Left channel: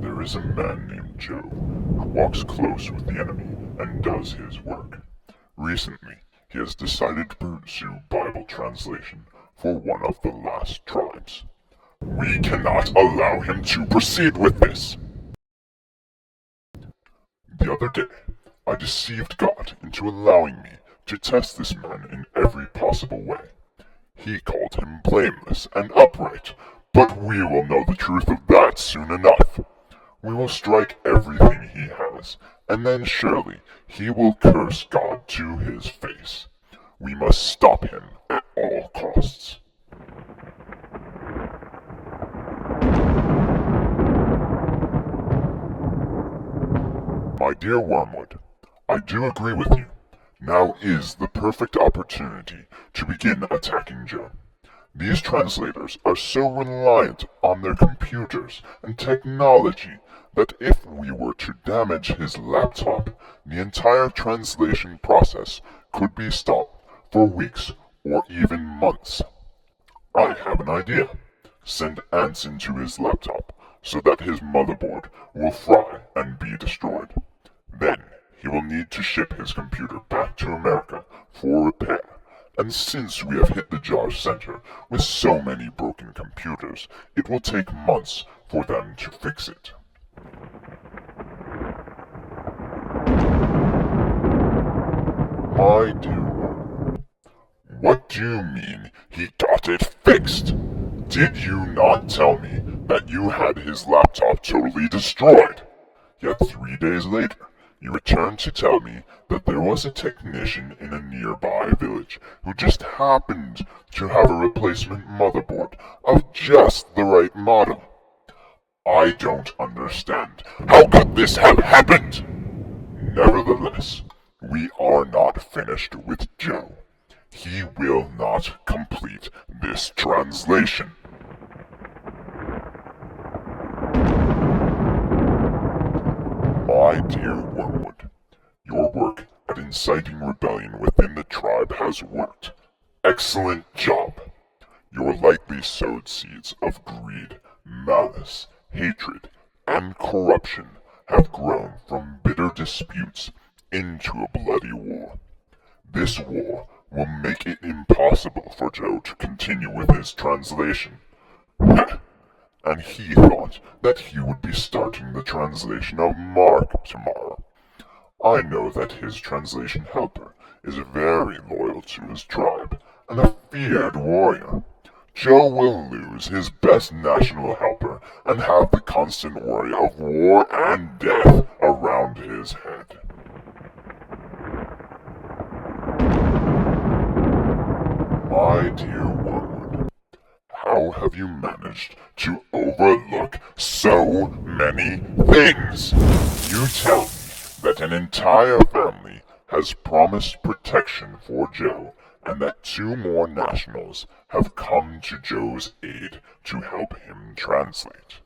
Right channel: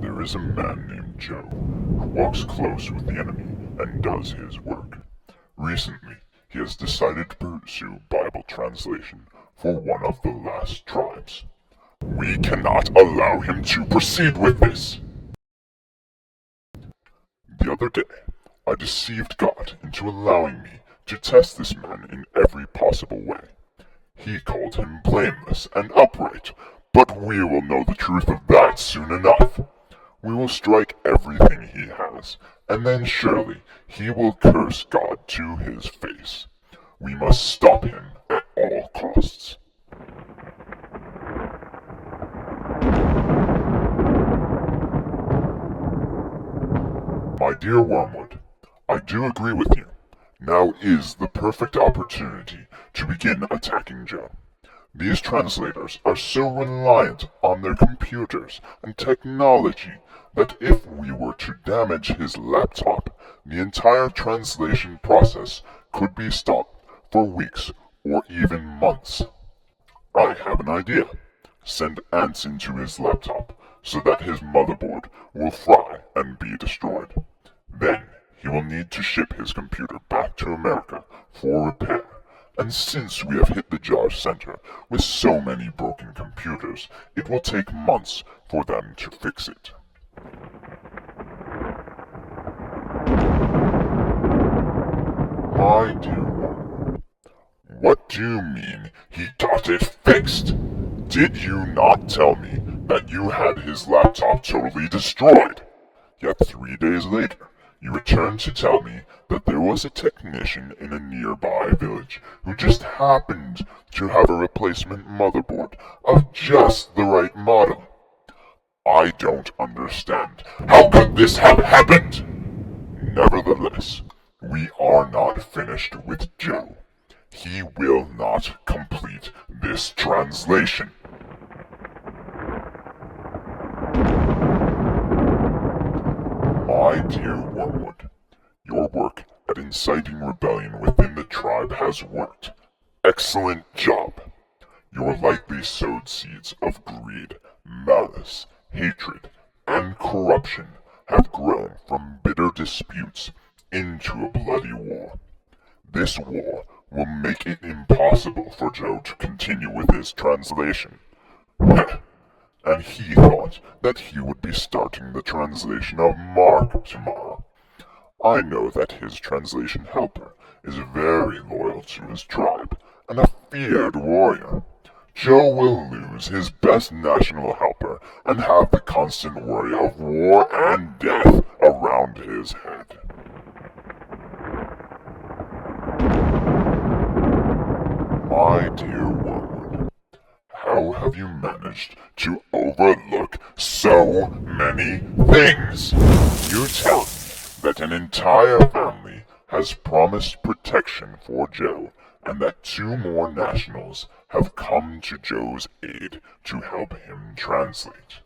There is a man named Joe who walks close with the enemy and does his work. Recently, he has decided to pursue Bible translation for one of the last tribes. We cannot allow him to proceed with this. The other day, I deceived God into allowing me to test this man in every possible way. He called him blameless and upright, but we will know the truth of that soon enough. We will strike everything he has, and then surely he will curse God to his face. We must stop him at all costs. My dear Wormwood, I do agree with you. Now is the perfect opportunity to begin attacking Joe. These translators are so reliant on their computers and technology that if we were to damage his laptop, the entire translation process could be stopped for weeks or even months. I have an idea. Send ants into his laptop so that his motherboard will fry and be destroyed. Then he will need to ship his computer back to America for repair. And since we have hit the JAARS Center with so many broken computers, it will take months for them to fix it. My dear one, what do you mean he got it fixed? Did you not tell me that you had his laptop totally destroyed? Yet 3 days later, you returned to tell me that there was a technician in a nearby village who just happened to have a replacement motherboard of just the right model. I don't understand. How could this have happened? Nevertheless, we are not finished with Joe. He will not complete this translation. My dear Wormwood, your work at inciting rebellion within the tribe has worked. Excellent job. Your likely sowed seeds of greed, malice, hatred, and corruption have grown from bitter disputes into a bloody war. This war will make it impossible for Joe to continue with his translation. And he thought that he would be starting the translation of Mark tomorrow. I know that his translation helper is very loyal to his tribe and a feared warrior. Joe will lose his best national helper and have the constant worry of war and death around his head. My dear Wormwood, how have you managed to overlook so many things? You tell me that an entire family has promised protection for Joe, and that 2 more nationals have come to Joe's aid to help him translate.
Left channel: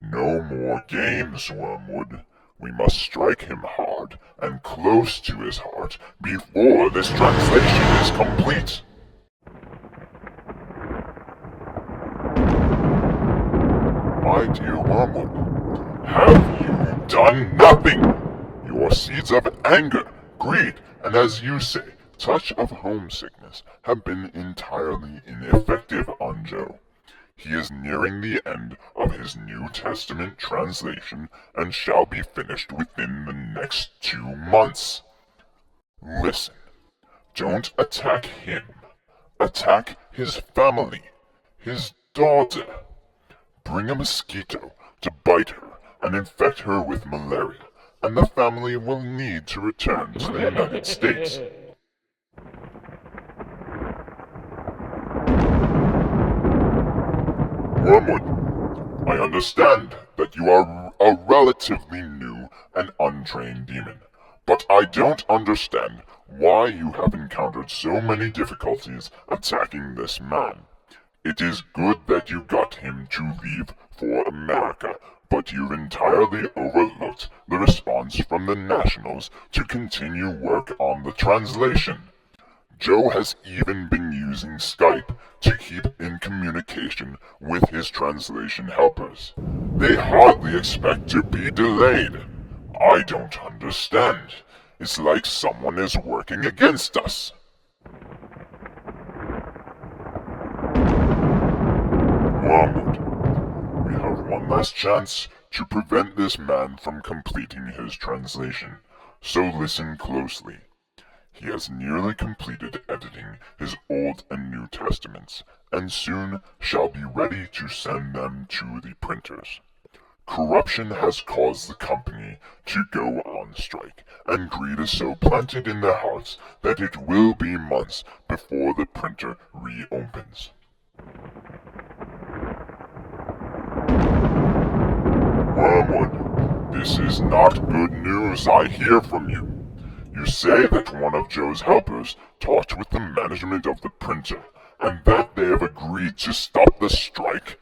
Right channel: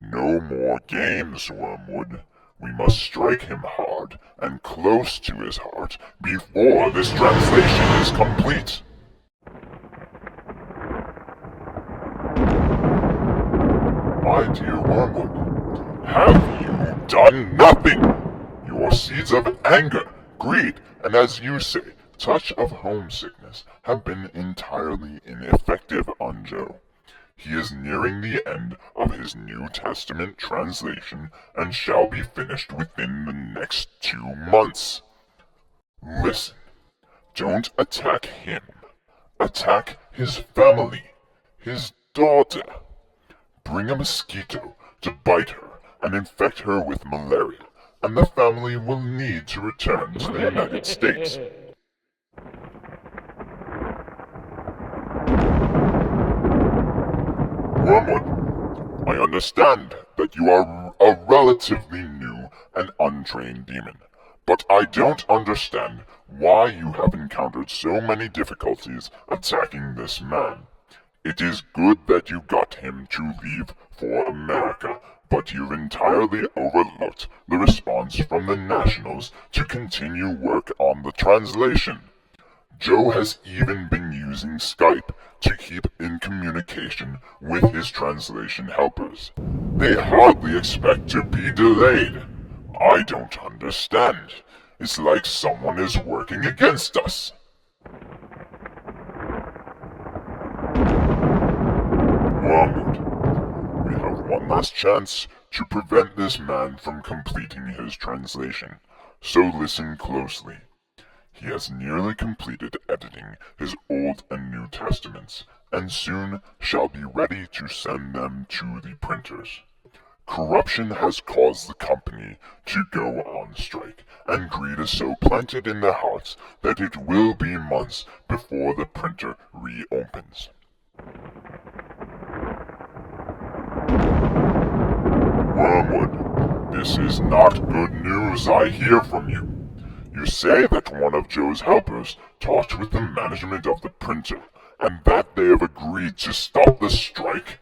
No more games, Wormwood. We must strike him hard and close to his heart before this translation is complete. My dear Wormwood, have you done nothing? Your seeds of anger, greed, and as you say, touch of homesickness have been entirely ineffective on Joe. He is nearing the end of his New Testament translation and shall be finished within the next 2 months. Listen, don't attack him. Attack his family, his daughter. Bring a mosquito to bite her and infect her with malaria, and the family will need to return to the United States. Wormwood, I understand that you are a relatively new and untrained demon, but I don't understand why you have encountered so many difficulties attacking this man. It is good that you got him to leave for America, but you've entirely overlooked the response from the Nationals to continue work on the translation. Joe has even been using Skype to keep in communication with his translation helpers. They hardly expect to be delayed. I don't understand. It's like someone is working against us. Wormwood, we have one last chance to prevent this man from completing his translation, so listen closely. He has nearly completed editing his Old and New Testaments, and soon shall be ready to send them to the printers. Corruption has caused the company to go on strike, and greed is so planted in their hearts that it will be months before the printer reopens. Wormwood, this is not good news I hear from you. You say that one of Joe's helpers talked with the management of the printer, and that they have agreed to stop the strike?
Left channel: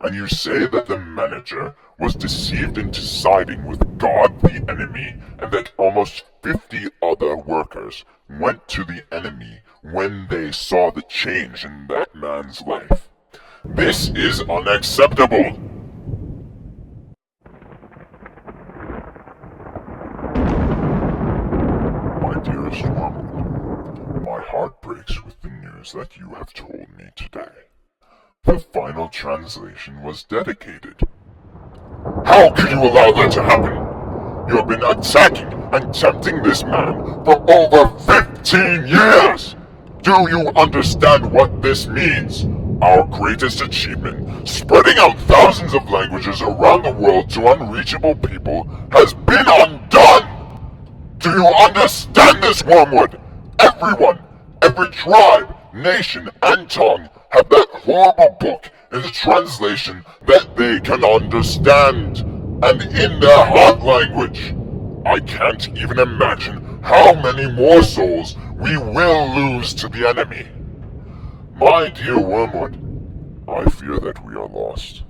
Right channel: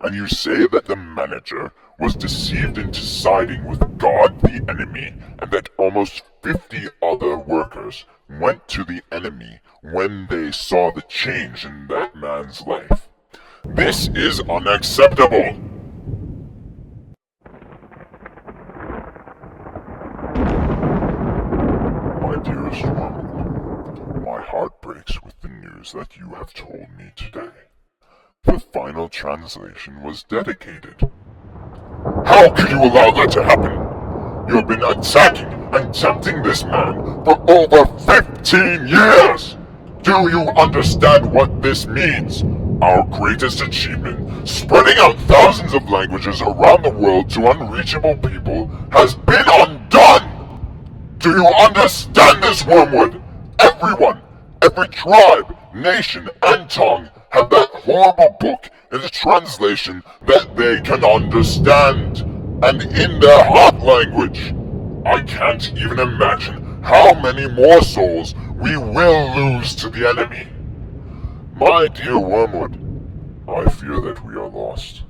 And you say that the manager was deceived into siding with God the enemy, and that almost 50 other workers went to the enemy when they saw the change in that man's life. This is unacceptable! My dearest Wormwood, my heart breaks with the news that you have told me today. The final translation was dedicated. How could you allow that to happen? You have been attacking and tempting this man for over 15 years! Do you understand what this means? Our greatest achievement, spreading out thousands of languages around the world to unreachable people, has been undone! Do you understand this, Wormwood? Everyone, every tribe, nation, and tongue have that horrible book in a translation that they can understand, and in their heart language. I can't even imagine how many more souls we will lose to the enemy. My dear Wormwood, I fear that we are lost.